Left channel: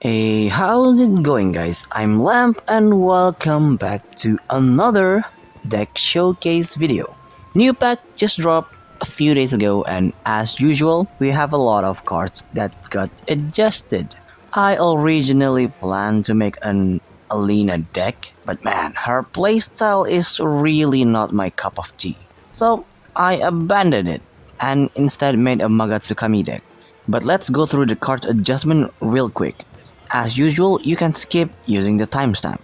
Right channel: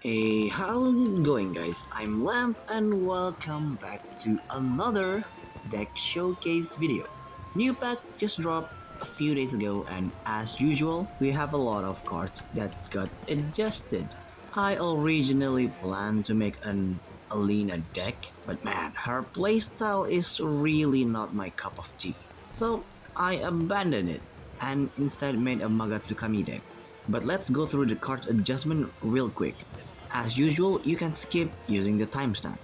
Hey, how's it going, guys? I'm Lamp and welcome back to another deck showcase video. New pack just dropped a few days ago, and as usual, we have a lot of cards that got adjusted. I originally planned to make an Alina deck, but man, her playstyle is really not my cup of tea. So I abandoned it and instead made a Magatsugami deck. But let's go through the card adjustment real quick. As usual, you can skip using the timestamp.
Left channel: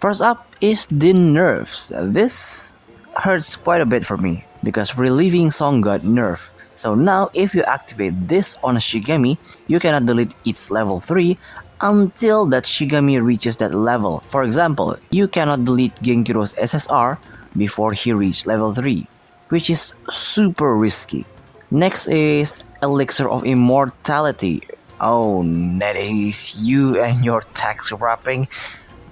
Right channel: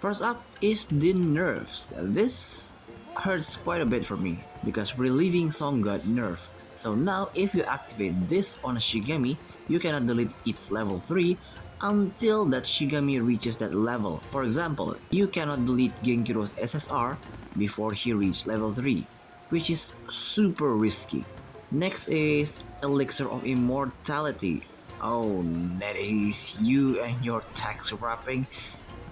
First up is the nerfs. This hurts quite a bit for me because Relieving Song got nerfed. So now if you activate this on a Shigami, you cannot delete its level 3 until that Shigami reaches that level. For example, you cannot delete Genkiro's SSR before he reaches level 3, which is super risky. Next is Elixir of Immortality. Oh, NetAce, you and your tax wrapping.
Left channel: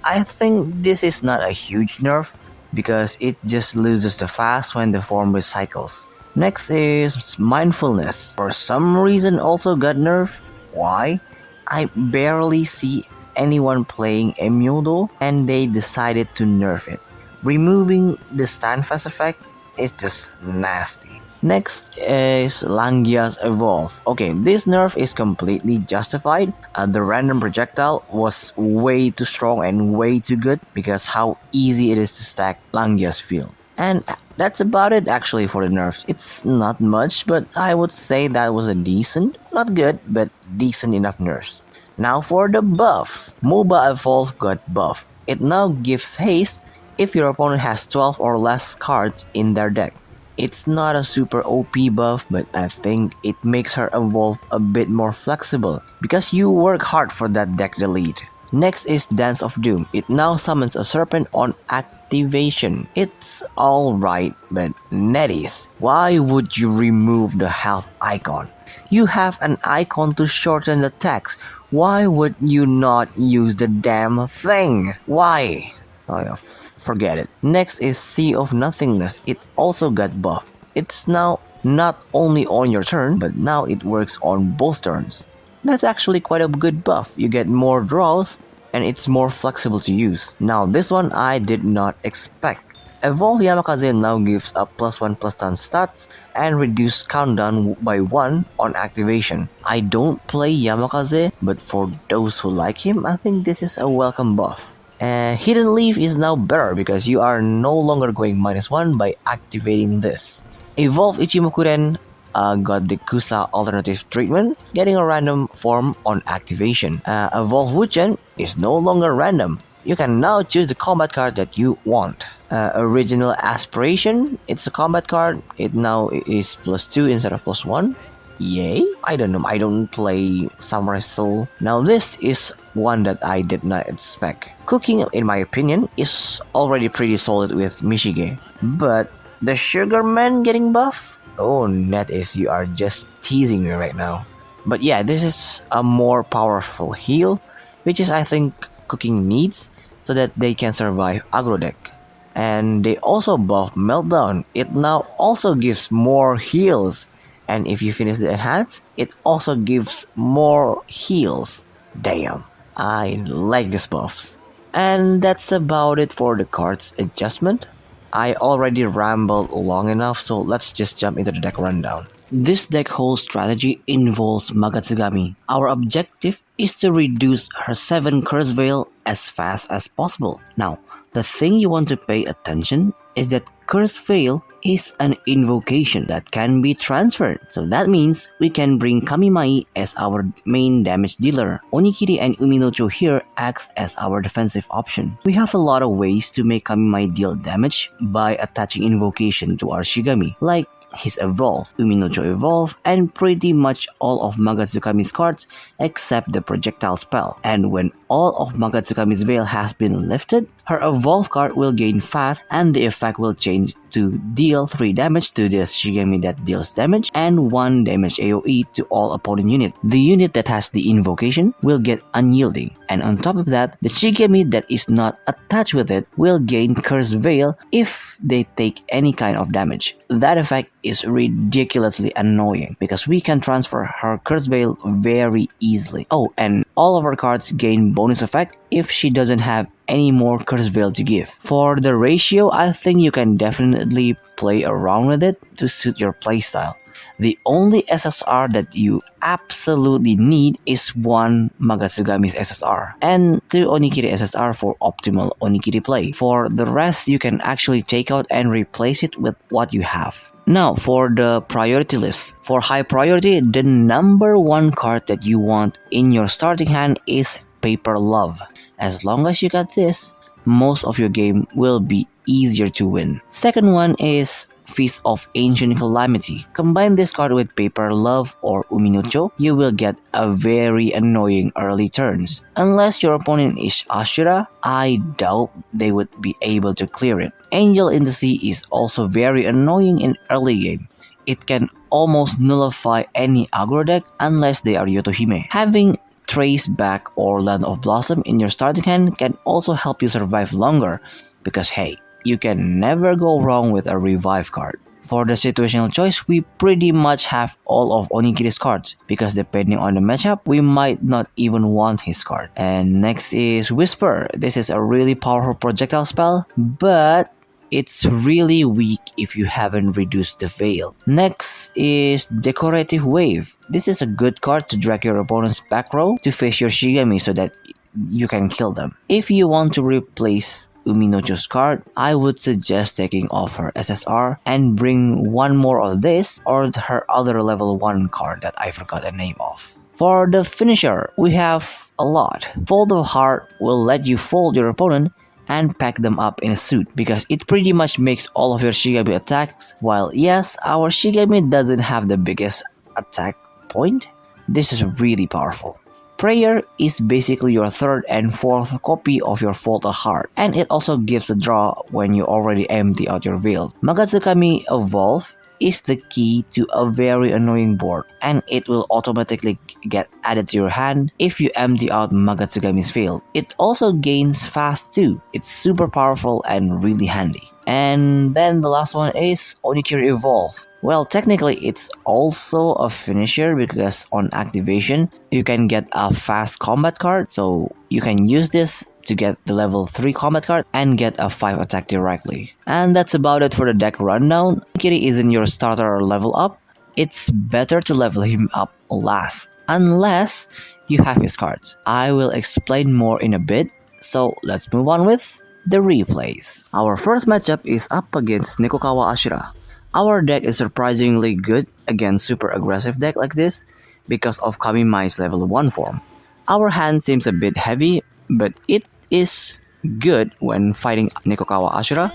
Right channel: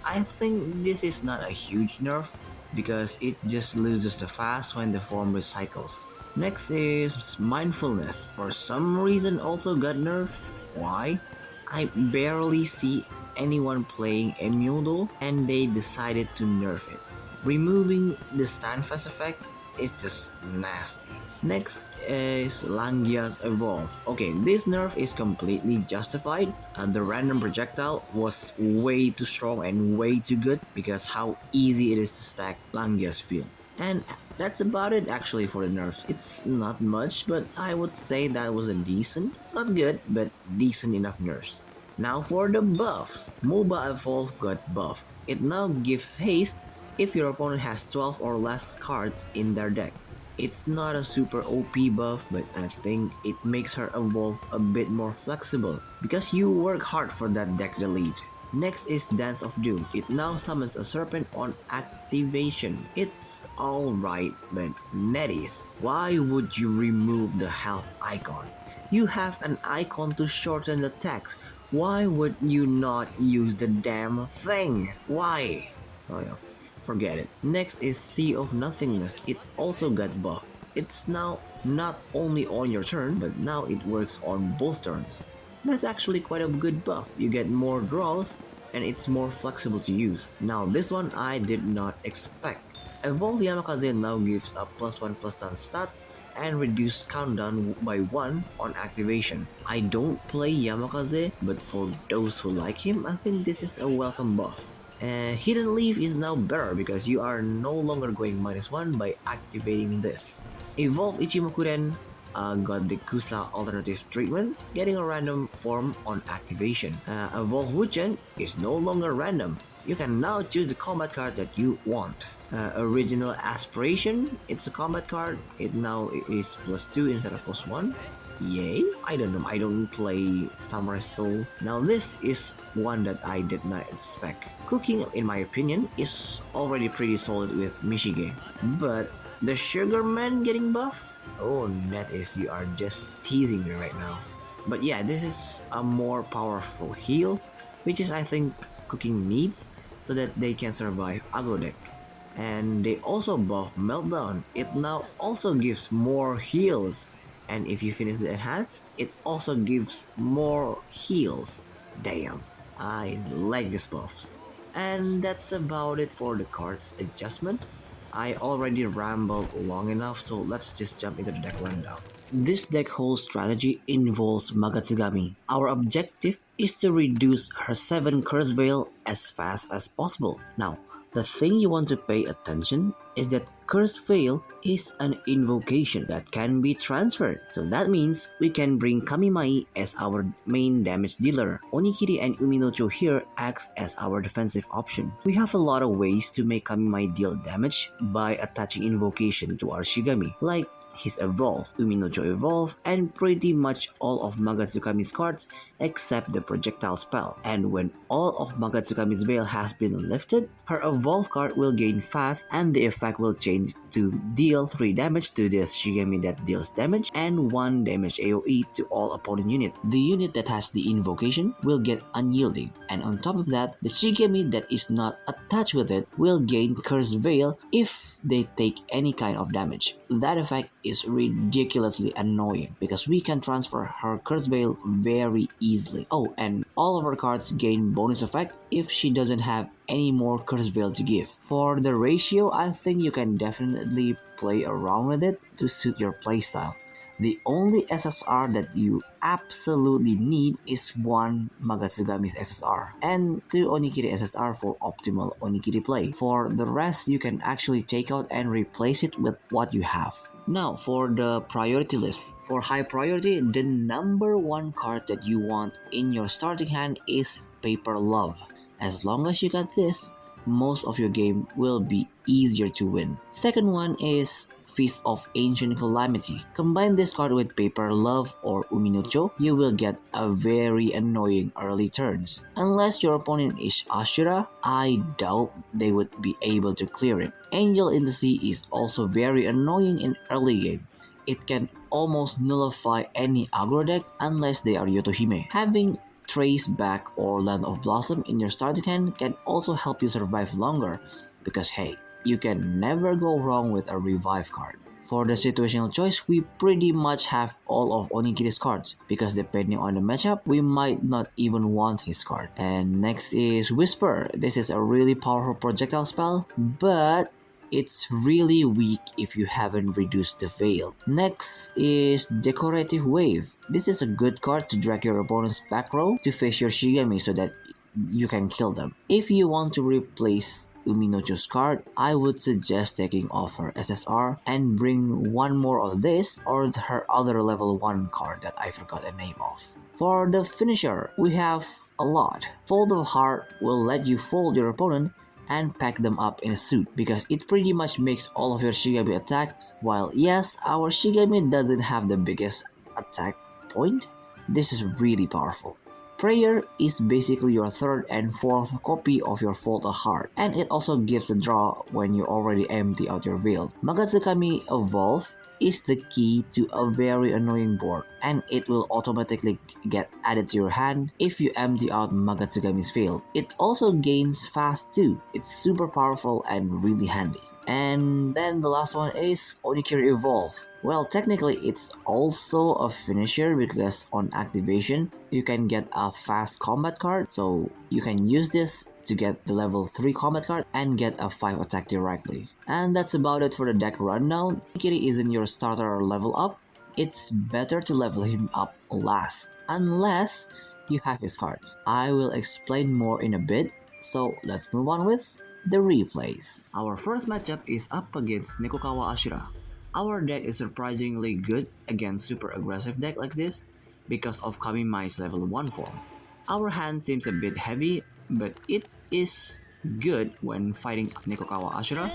I think this is not a huge nerf because it just loses the fast when the form recycles. Next is Mindfulness. For some reason also got nerfed. Why? I barely see anyone playing Onmyoji and they decided to nerf it. Removing the standfast effect is just nasty. Next is Langia's Evolve. Okay, this nerf is completely justified. The random projectile was way too strong and way too good because how easy it is to stack Langia's field. And that's about it actually for the nerfs. It's not much, but I would say that was a decent, not good, but decent enough nerfs. Now for the buffs. MOBA Evolve got buffed. It now gives haste if your opponent has 12 or less cards in their deck. It's not a super OP buff, but I think it makes her evolve a bit more flexible because you work hard for that deck delete. Next is Dance of Doom. It now summons a serpent on activation. It's alright, but NetAce, why would you remove the health icon? You have an icon to shorten the text. Why would you not use the damn thing? Why? Oh, yeah. Forget it. Next is Sea of Nothingness. It also got buffed. It's now not only on your turn, but now it works on both turns. That's actually quite a good buff. You get more draws and it's more flexible to use. Now this one I did not expect. Evolve Yamakaze now gives a +1/+10 stats and reduce countdown by 1 on activation. I don't play Yamakaze, but for those who like him, I think this is a welcome buff. Hidden Leaf is now better because you are no longer going -1 by activating this. Evolve Ichimokuren got the Kusa alternative treatment, getting a random form on activation. Evolve Wuchen is no longer random. You can now choose the combat card that you want. Original Aspiration, it's a combat card. It now is +2 instead of +1. Yay? I don't know, I don't play Samurai Soul. Now this is one that I did not expect. Cooking, in my opinion, is already pretty solid with Michige. But the Sugar Man getting buff? Oh, NetAce, you are just teasing me right now. But yeah, this is a more powerful heal, which is I think Cooking needs so that they can survive aggro deck. And they also buff Meltdown. It now also gives more heals. And if you finish the enhance, it also gives more heals. Damn, I like these buffs. And that's about it for the cards adjustment. I already rambled long enough, so let's just jump into the deck rundown. This deck whole strategy involves Magatsugami. Our objective is to reduce her 7 Curse Veil as fast as possible. Now, the thing you want to pay attention is that Curse Veil is an invocation that can be transferred. So that means we can bring Kamimai as our main damage dealer. Onikiri and Uminocho here acts as our defensive option. We have a lot of ways to make Kamimai deal damage by attaching invocation to our Shigami, like his Evolve, Uminocho Evolve, and pretty much all of Magatsugami's cards except the projectile spell. And when all of Magatsugami's veil has been lifted, her Evolve card will gain fast and the effect will change to deal 3 damage to the Shigami that deals damage and 1 damage AoE to all opponent unit. The unit that has the Invocation will get Unyielding, and on top of that, the Shigami that is not attached with it will gain Curse Veil if they take any kind of damage. That effect is ridiculously annoying because we can transfer her Curse Veil very easily. Oh, and all of her cards gain bonus effect if she doesn't have any more Curse Veil to give. For the ratio, I think you can definitely play around with it to suit your playstyle. The only SSR that you absolutely need is 1 Magatsugami's SSR and 2 Onikiri SSR for optimal Onikiri play. For the rest, you can actually take out and replace it with what you have. Now for the priority list. For high priority, the number 1 card that you want in your starting hand is Paper Love. As long as you got this, most of your game will be easier to win. Second one is Feast of Ancient Calamity. Combine this card with Paper Love or Onmyoji, you will get a very annoying early turns. Unless your opponent is Ashura, I doubt they would be able to clear it. Angel in the Sea is also very annoying in early game. It can almost nullify any aggro deck unless they are Yotohime. Having Trace Back or Land of Blossom in your starting hand can also help you survive longer because hey, you can never go wrong with a revive card. For the situational choice, we pretty much have all of Onikiri's cards because depending on the matchup, we might not even want his card. And next is Whisper. This is a really powerful projectile spell, but it's really weak if you haven't reduced the veil. Next is Decorative Wave. This is a good card to drag your opponent's back row to face your Shigami so that you can kill them. If you want to replace Onmyoji's card, I would suggest taking off her SSR and bring 1 more of this or her other level 1 card that I forgot the name of. For the finisher, we have a lot. Fold of Heart will let you fold your opponent and pack them up in a suit because it pretty much makes all of your Shigami attacks. While yes, our Shigami doesn't have the biggest attack point, this is really powerful. Prayer is basically your 3rd and 4th copy of your Fold of Heart, and it also gives a draw when you already empty out your veil. Magatsugami Evolve is the key to a very annoying board, and it will automatically get added to your hand if you empty out Magatsugami's veil. It also gains fast too. It's super powerful and really handy. And then the last one is Onikiri Evolve. Well, technically it's also a finisher because on activation, you can get a fast combat card, so you can use this to get the level 3 combat card and get a 5 attack directly. And that's about it for the deck rundown. Onikiri isn't your starter or level up. It's better to level him up last, unless you have his cards. I will explain more in a bit, so let's move on with the replays. Our first matchup is up against Nekokawa Ashura. Our deck is surprisingly good against super aggressive deck like this because of Kamimai's level 1 form. Our hand seems a bit heavy, but it is good when fighting Nekokawa Ashura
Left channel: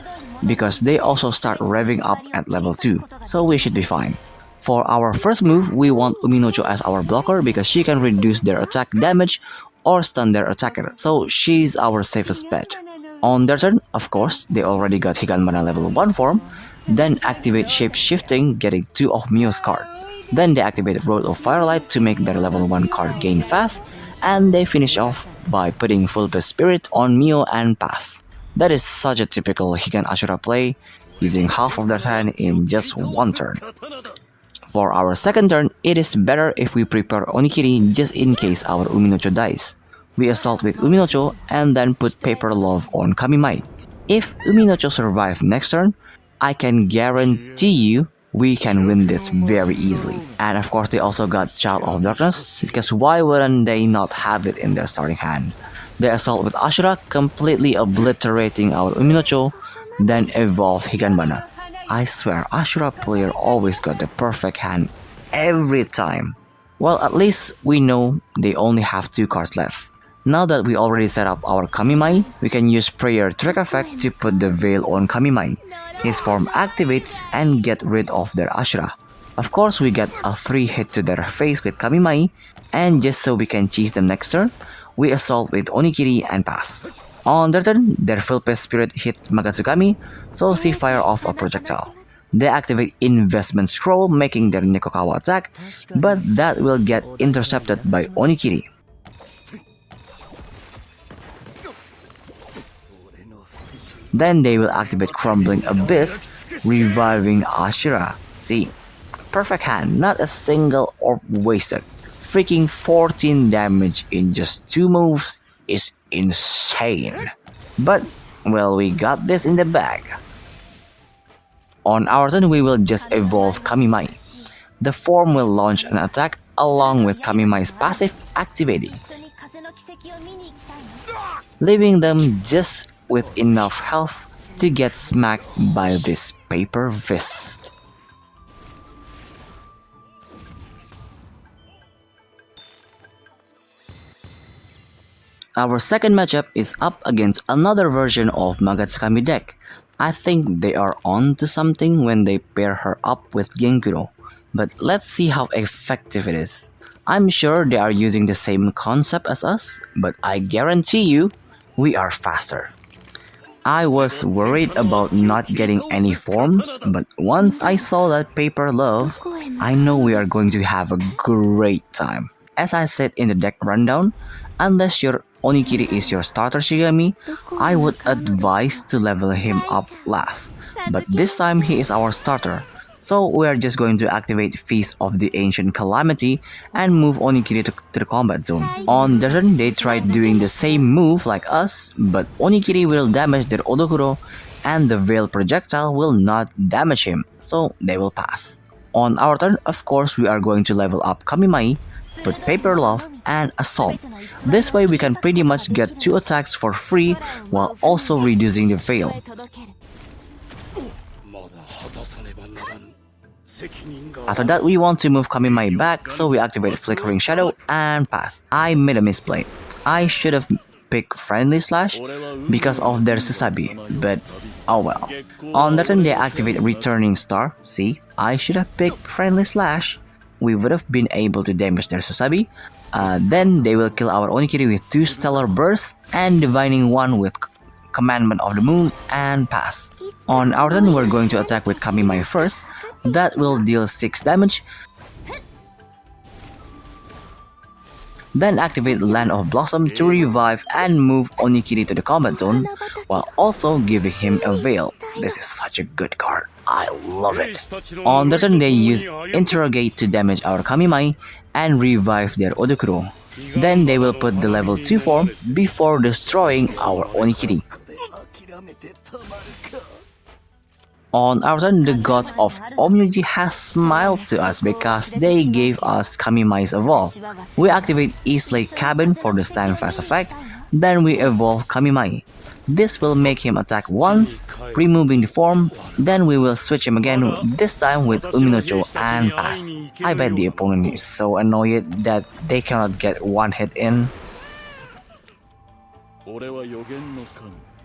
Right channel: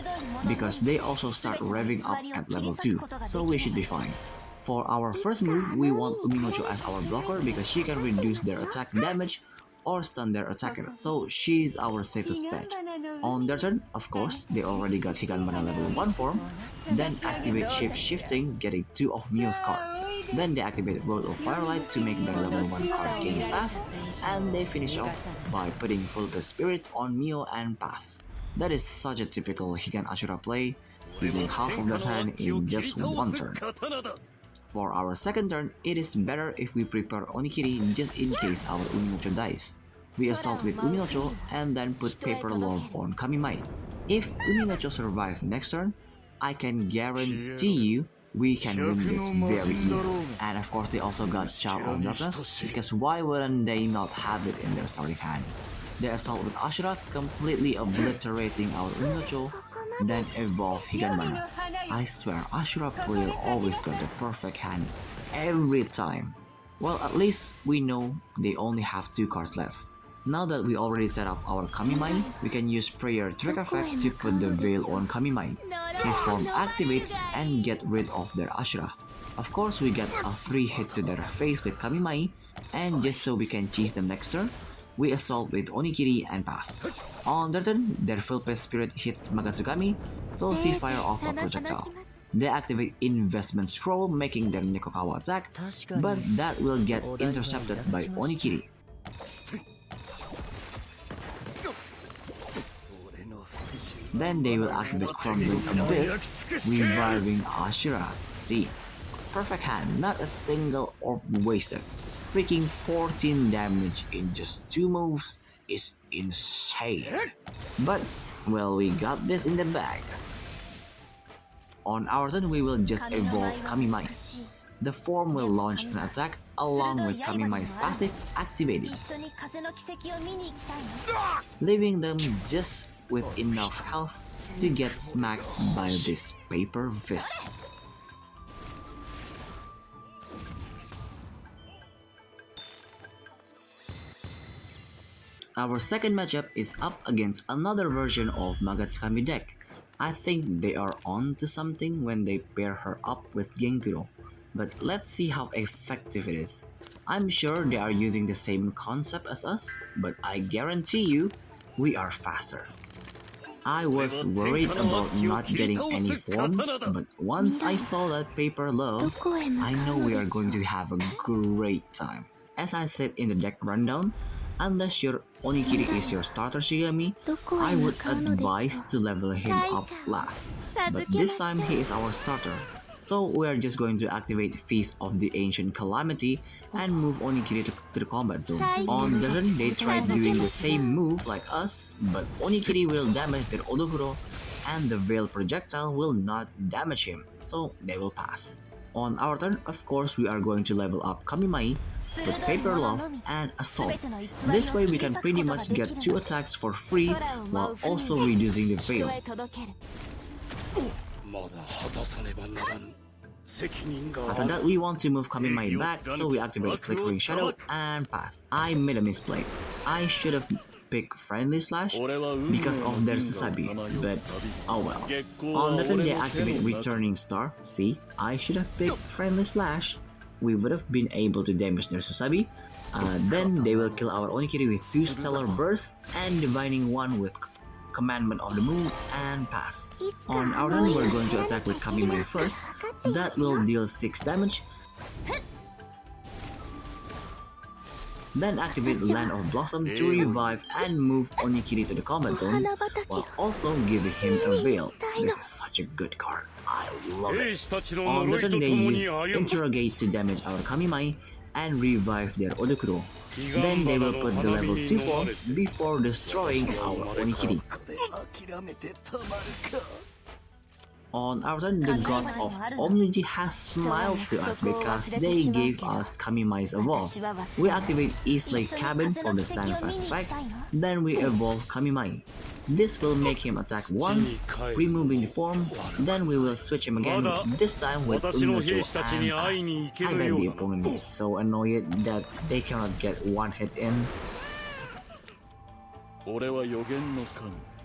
because they also start revving up at level 2, so we should be fine. For our first move, we want Onmyoji as our blocker because she can reduce their attack damage or stun their attacker, so she's our safest bet. On their turn, of course, they already got Higanbana level 1 form, then activate Shape Shifting, getting 2 of Mio's cards. Then they activate Road of Firelight to make their level 1 card gain fast, and they finish off by putting Full Blast Spirit on Mio and pass. That is such a typical Higan Ashura play, using half of their hand in just 1 turn. For our second turn, it is better if we prepare Onikiri just in case our Onmyoji dies. We assault with Onmyoji and then put Paper Love on Kamimai. If Onmyoji survives next turn, I can guarantee you we can win this very easily. And of course they also got Child of Darkness, because why wouldn't they not have it in their starting hand? They assault with Ashura, completely obliterating our Onmyoji, then evolve Higanbana. I swear, Ashura player always got the perfect hand every time. Well, at least we know they only have 2 cards left. Now that we already set up our Kamimai, we can use Prayer Trick Effect to put the veil on Kamimai. His form activates and get rid of their Ashura. Of course, we get a 3 hit to their face with Kamimai, and just so we can cheese them next turn, we assault with Onikiri and pass. On their turn, their Philpest Spirit hits Magatsugami, so she fire off a projectile. They activate Investment Scroll, making their Nekokawa attack, but that will get intercepted by Onikiri. Then they will activate Crumbling Abyss, reviving Ashura. See, perfect hand, not a single orb wasted. Freaking 14 damage in just 2 moves is insane. But, well, we got this in the bag. On our turn, we will just evolve Kamimai. The form will launch an attack along with Kamimai's passive activating, leaving them just with enough health to get smacked by this paper fist. Our second matchup is up against another version of Magatsugami deck. I think they are on to something when they pair her up with Genkuro, but let's see how effective it is. I'm sure they are using the same concept as us, but I guarantee you, we are faster. I was worried about not getting any forms, but once I saw that paper love, I know we are going to have a great time. As I said in the deck rundown, unless your Onikiri is your starter Shigami, I would advise to level him up last. But this time he is our starter, so we are just going to activate Feast of the Ancient Calamity and move Onikiri to the combat zone. On their turn, they tried doing the same move like us, but Onikiri will damage their Odokuro and the Veil projectile will not damage him, so they will pass. On our turn, of course, we are going to level up Kamimai, put Paper Love, and Assault. This way we can pretty much get 2 attacks for free while also reducing the Veil. After that, we want to move Kamimai back, so we activate Flickering Shadow and pass. I made a misplay. I should have picked Friendly Slash because of their Susabi, but oh well. On that turn, they activate Returning Star. See, I should have picked Friendly Slash. We would have been able to damage their Susabi. Then they will kill our Onikiri with 2 Stellar Bursts and Divining 1 with Commandment of the Moon and pass. On our turn, we're going to attack with Kamimai first. That will deal 6 damage. Then activate Land of Blossom to revive and move Onikiri to the combat zone, while also giving him a Veil. This is such a good card. I love it. On the turn, they use Interrogate to damage our Kamimai and revive their Odokuro. Then they will put the level 2 form before destroying our Onikiri. On our turn, the gods of Onmyoji has smiled to us because they gave us Kamimai's Evolve. We activate East Lake Cabin for the Stand Fast effect, then we evolve Kamimai. This will make him attack once, removing the form, then we will switch him again, this time with Uminocho and pass. I bet the opponent is so annoyed that they cannot get one hit in.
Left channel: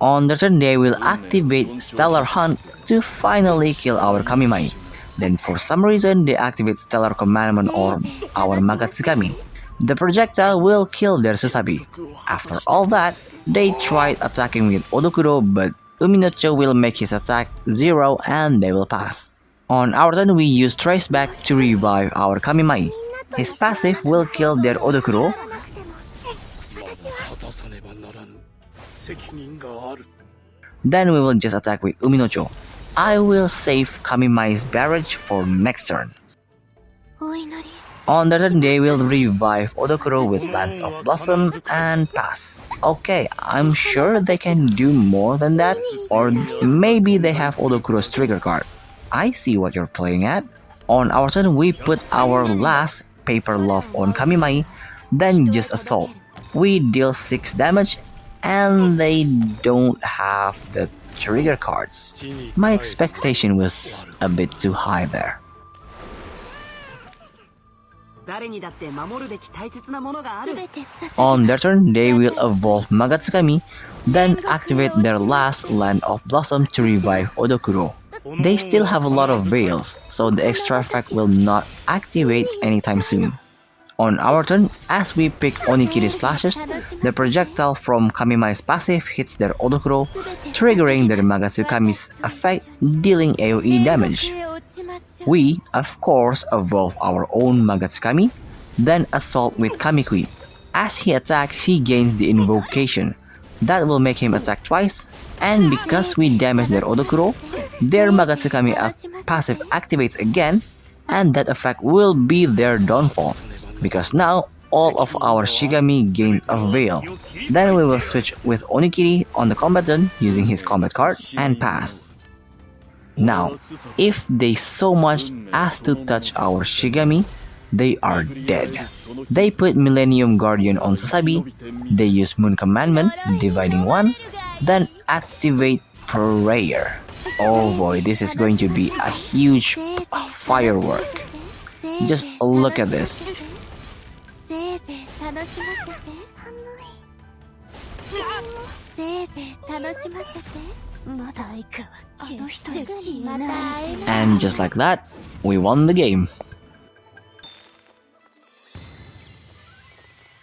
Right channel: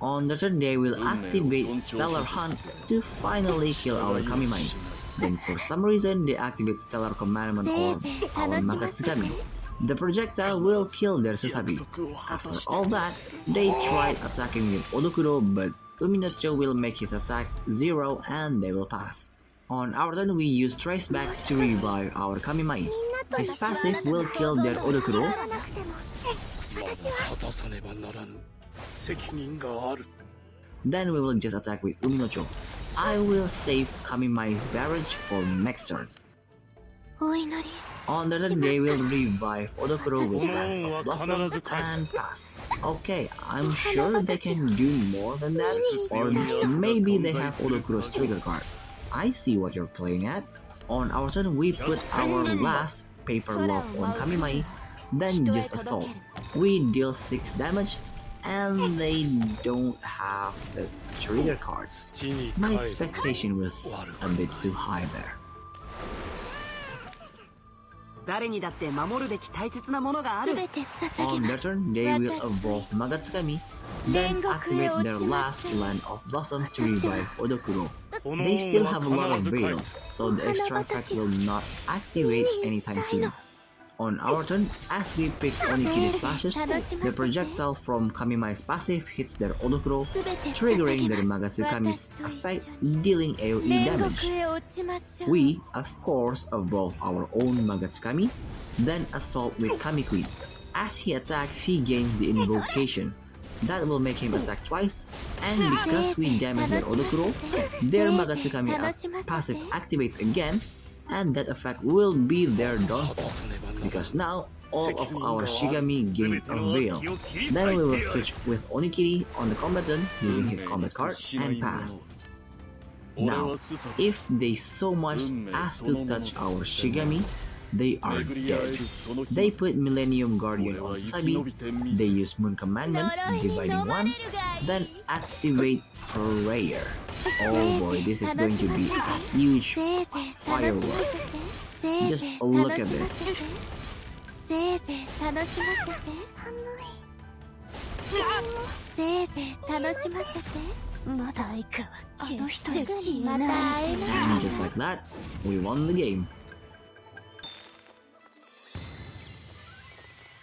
On the turn, they will activate Stellar Hunt to finally kill our Kamimai. Then for some reason, they activate Stellar Commandment or our Magatsugami. The projectile will kill their Susabi. After all that, they tried attacking with Odokuro, but Uminocho will make his attack 0 and they will pass. On our turn, we use Traceback to revive our Kamimai. His passive will kill their Odokuro. Then we will just attack with Uminocho. I will save Kamimai's barrage for next turn. On the turn, they will revive Odokuro with Lands of Blossoms and pass. Okay, I'm sure they can do more than that, or maybe they have Odokuro's trigger card. I see what you're playing at. On our turn, we put our last Paper Love on Kamimai, then just Assault. We deal 6 damage, and they don't have the trigger cards. My expectation was a bit too high there. On their turn, they will evolve Magatsugami, then activate their last Land of Blossom to revive Odokuro. They still have a lot of Veils, so the extra effect will not activate anytime soon. On our turn, as we pick Onikiri slashes, the projectile from Kamimai's passive hits their Odokuro, triggering their Magatsugami's effect, dealing AoE damage. We, of course, evolve our own Magatsugami, then assault with Kamikui. As he attacks, he gains the Invocation. That will make him attack twice, and because we damage their Odokuro, their Magatsugami passive activates again, and that effect will be their downfall, because now all of our Shigami gain a veil. Then we will switch with Onikiri on the combat turn using his combat card and pass. Now, if they so much as to touch our Shigami, they are dead. They put Millennium Guardian on Sasabi, they use Moon Commandment, Dividing One, then activate Prayer. Oh boy, this is going to be a huge firework. Just look at this. And just like that, we won the game.